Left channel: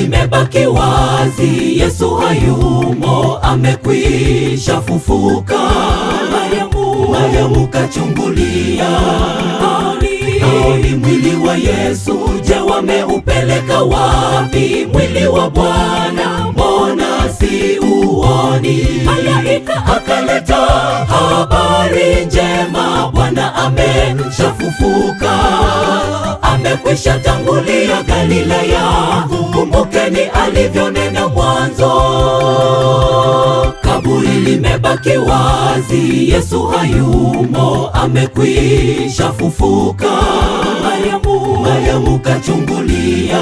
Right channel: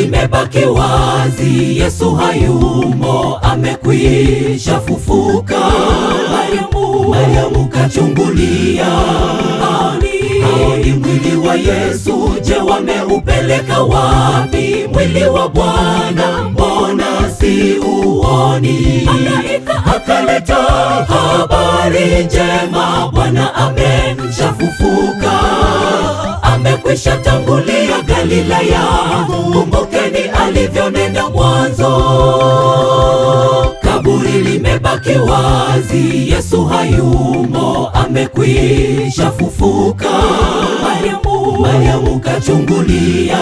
limebaki wazi, Yesu hayumo, amekwisha fufuka. Mariamu kachungulia, haoni mwili wa Yesu. Je, wameupeleka wapi mwili wa Bwana? Mbona si uoni? Malaika akaleta habari njema, Bwana ameshafufuka, amekwisha tangulia Galilaya. Kumbukeni alivyonena mwanzo. Kaburi limebaki wazi, Yesu hayumo, amekwisha fufuka. Mariamu kachungulia,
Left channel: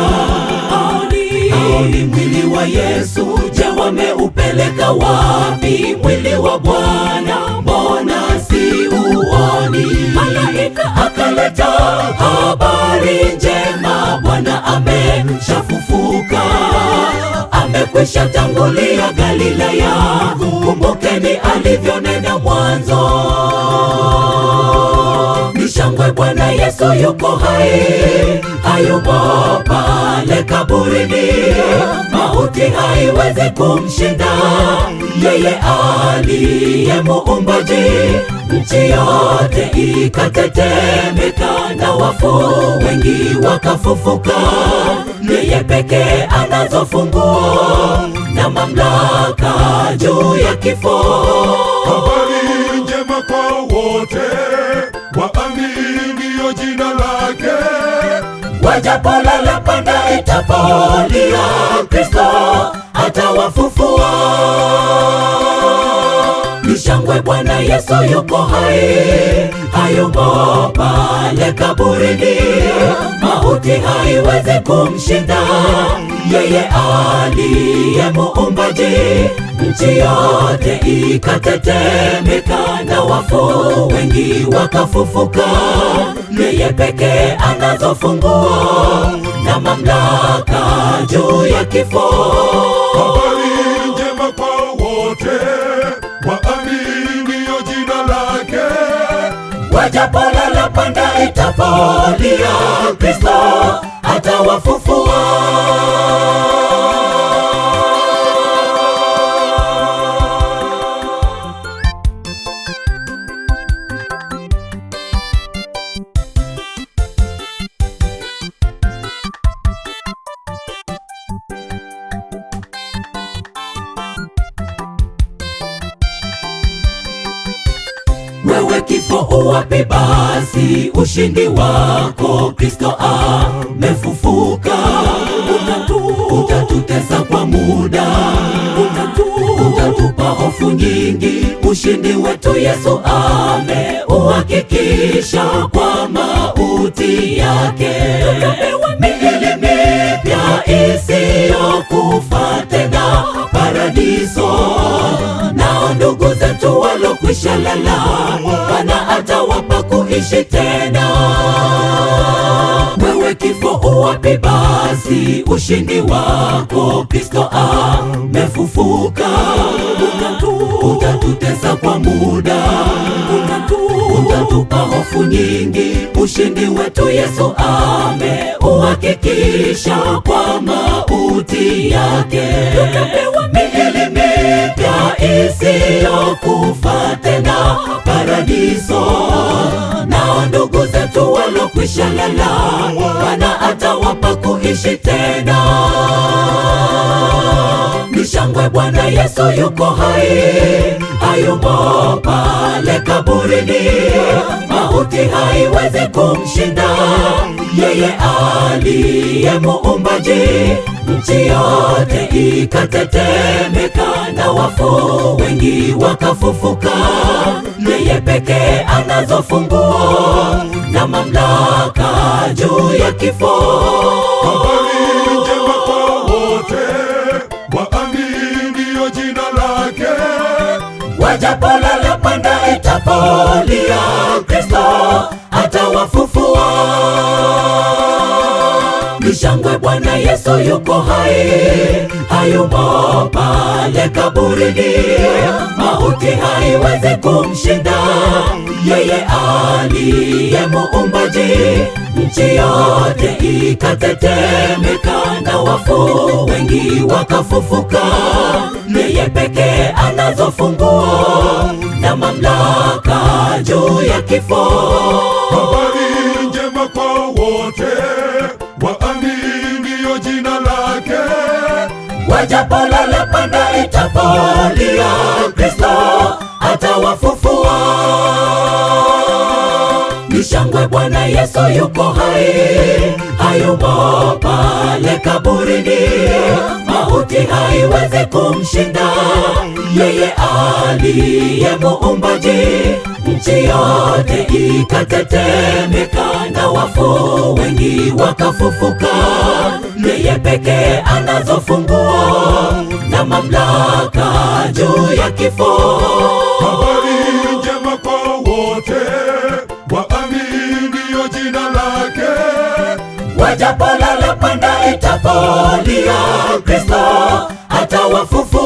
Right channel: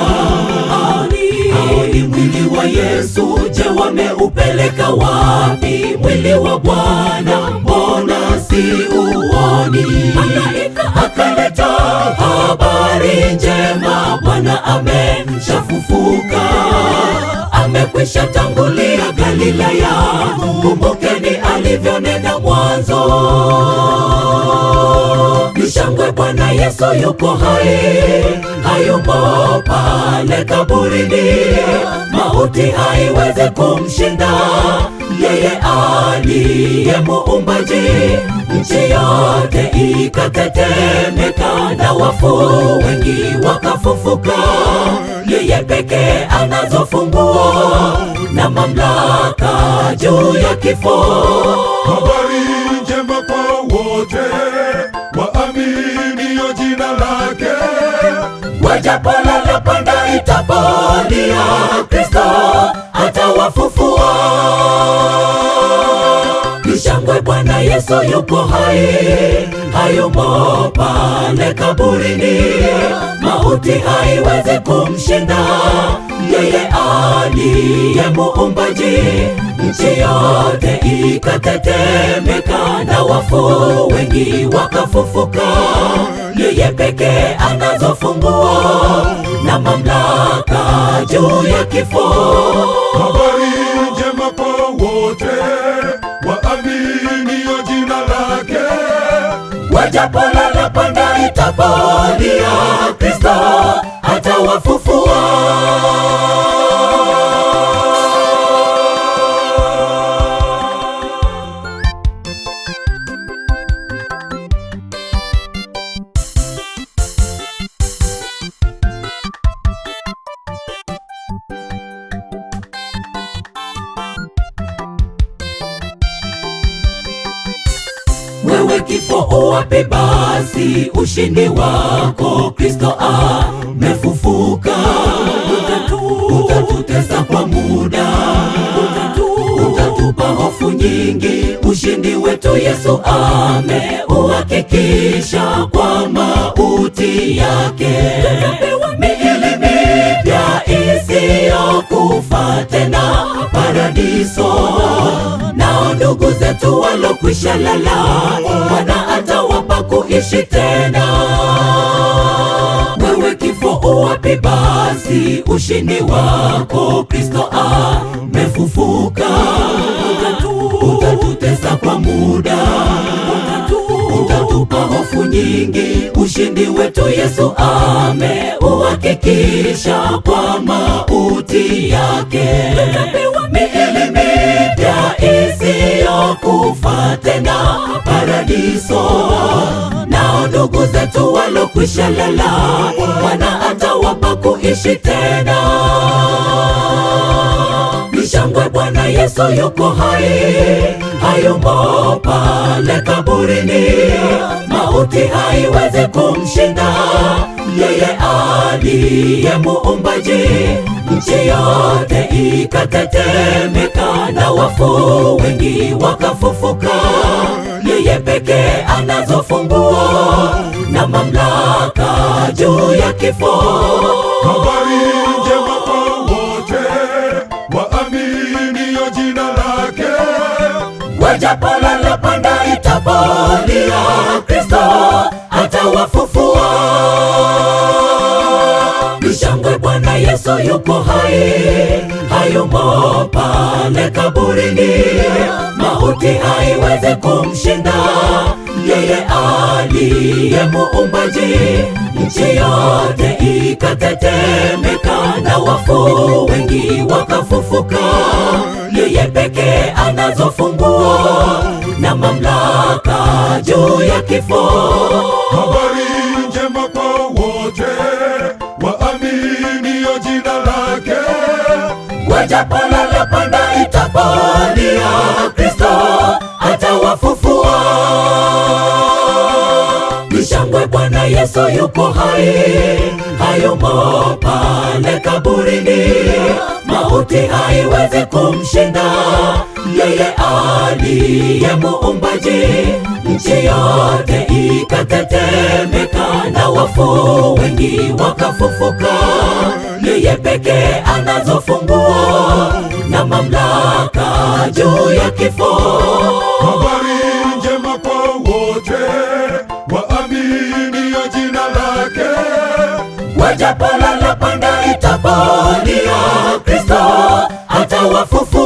haoni mwili wa Yesu. Je, wameupeleka wapi mwili wa Bwana? Mbona si uoni? Malaika akaleta habari njema, Bwana ameshafufuka, amekwisha tangulia Galilaya. Kumbukeni alivyonena mwanzo. Ni shangwe, Bwana Yesu yuko hai, hayumo pale kaburini. Mauti haiwezi kumshinda yeye aliye muumbaji. Nchi yote ikatetemeka na wafu wengi wakafufuka. Yeye pekee anazo funguo na mamlaka juu ya kifo. Habari njema kwa wote waaminio jina lake. Wajapolala panda itapolia, Kristo atawafufua. Ni shangwe, Bwana Yesu yuko hai, hayumo pale kaburini. Mauti haiwezi kumshinda yeye aliye muumbaji. Nchi yote ikatetemeka na wafu wengi wakafufuka. Yeye pekee anazo funguo na mamlaka juu ya kifo. Habari njema kwa wote waaminio jina lake. Wajapolala panda itapolia, Kristo atawafufua. Wewe kifo uwapi basi ushindi wako? Kristo amefufuka. Utatutesa kwa muda, utatupa hofu nyingi. Ushindi wetu Yesu ameuhakikisha kwa mauti yake. Miili mipya isiyokufa tena paradiso. Nao ndugu zetu walokwisha lala, Bwana atawapa kuishi tena. Wewe kifo uwapi basi ushindi wako? Kristo amefufuka. Utatutesa kwa muda, utatupa hofu nyingi. Ushindi wetu Yesu ameuhakikisha kwa mauti yake. Miili mipya isiyokufa tena paradiso. Nao ndugu zetu walokwisha lala, Bwana atawapa kuishi tena. Ni shangwe, Bwana Yesu yuko hai, hayumo pale kaburini. Mauti haiwezi kumshinda yeye aliye muumbaji. Nchi yote ikatetemeka na wafu wengi wakafufuka. Yeye pekee anazo funguo na mamlaka juu ya kifo. Habari njema kwa wote waaminio jina lake. Wajapolala panda itapolia, Kristo atawafufua. Ni shangwe, Bwana Yesu yuko hai, hayumo pale kaburini. Mauti haiwezi kumshinda yeye aliye muumbaji. Nchi yote ikatetemeka na wafu wengi wakafufuka. Yeye pekee anazo funguo na mamlaka juu ya kifo. Habari njema kwa wote waaminio jina lake. Wajapolala panda itapolia, Kristo atawafufua. Ni shangwe, Bwana Yesu yuko hai, hayumo pale kaburini. Mauti haiwezi kumshinda yeye aliye muumbaji. Nchi yote ikatetemeka na wafu wengi wakafufuka. Yeye pekee anazo funguo na mamlaka juu ya kifo. Habari njema kwa wote waaminio jina lake. Wajapolala panda itapolia, Kristo atawafufua.